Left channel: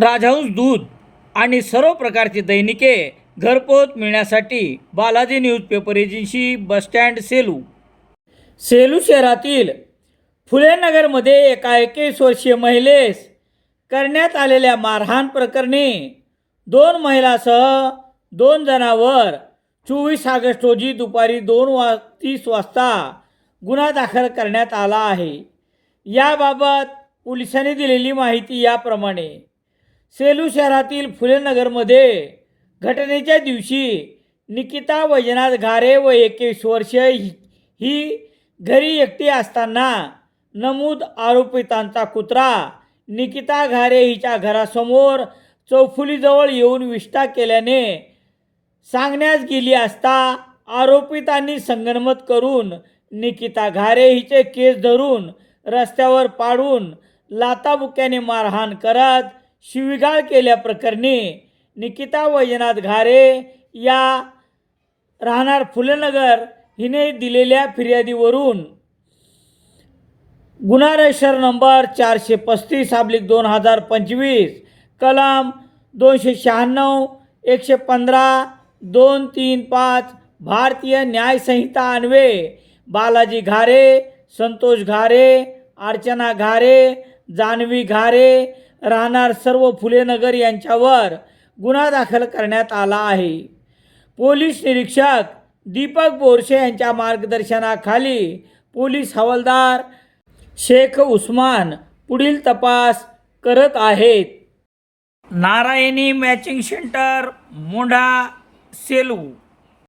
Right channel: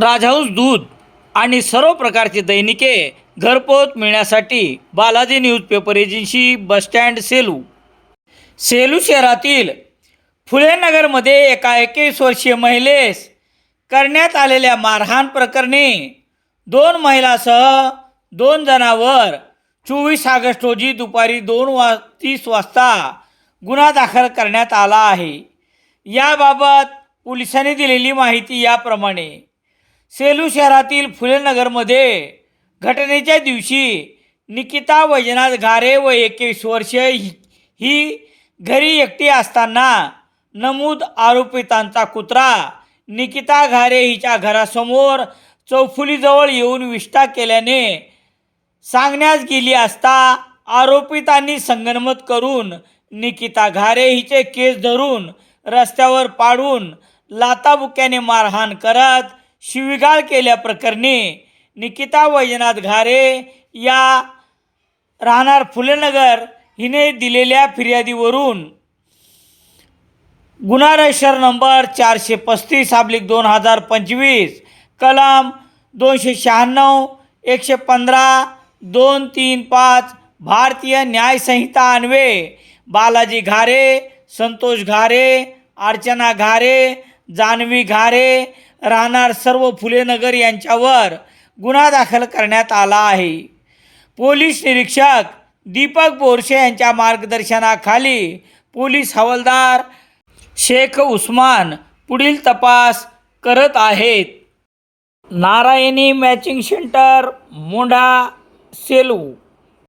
राजहंस दूध आणि सर्व प्रकारची दैनिके घरपोच मिळण्यासाठी Balaji newspaper agency bus stand Selu. Selu शहरातील फुलेनगरमध्ये एका एकवीस वर्षीय महिलेस करण्यात आलेल्या मारहाण प्रकरणी दोन महिलासह दोन जणांवर चोवीस ऑगस्ट रोजी दुपारी दोन वा तीस वाजता गुन्हा दाखल करण्यात आला आहे. याबाबत पोलिसांनी दिलेली माहिती याप्रमाणे. सेलू शहरातील फुलेनगरमध्ये घटनेच्या दिवशी निकिता वैजनाथ घारे व एकवीस वर्षे ही घरी एकटी असताना नमूद आरोपितांचा कुत्रा निकिता घारे हिच्या घरासमोर चौफुलीजवळ येऊन विष्ठा केल्याने सांगण्यास गेली असता आरोपितांनी संगनमत करून निकिता घारे हिचे केस धरून रस्त्यावर पाडून लाताबुक्याने मारहाण करत शिवीगाळ केल्याप्रकरणी निकिता वैजनाथ घारे या राहणार फुलेनगर हिने दिलेल्या फिर्यादीवरून गुन्हा रजिस्टर नंबर चारशे पस्तीस अब्लिक दोन हजार पंचवीस कलम दोनशे शहाण्णव एकशे पंधरा दोन तीन पाच भारतीय न्यायसंहिता अन्वे बालाजी घारे संतोष घारे अर्चना घारे जान्हवी घारे राहणार सर्व फुलेनगर यांच्यावर गुन्हा दाखल करण्यात आला आहे. पोलीस निरीक्षक दीपक बोरशे यांच्या मार्गदर्शनाखाली पोलीस हवालदार शेख उस्मान पुढील तपास करत आहेत. Narayani matching centre Mondha Selu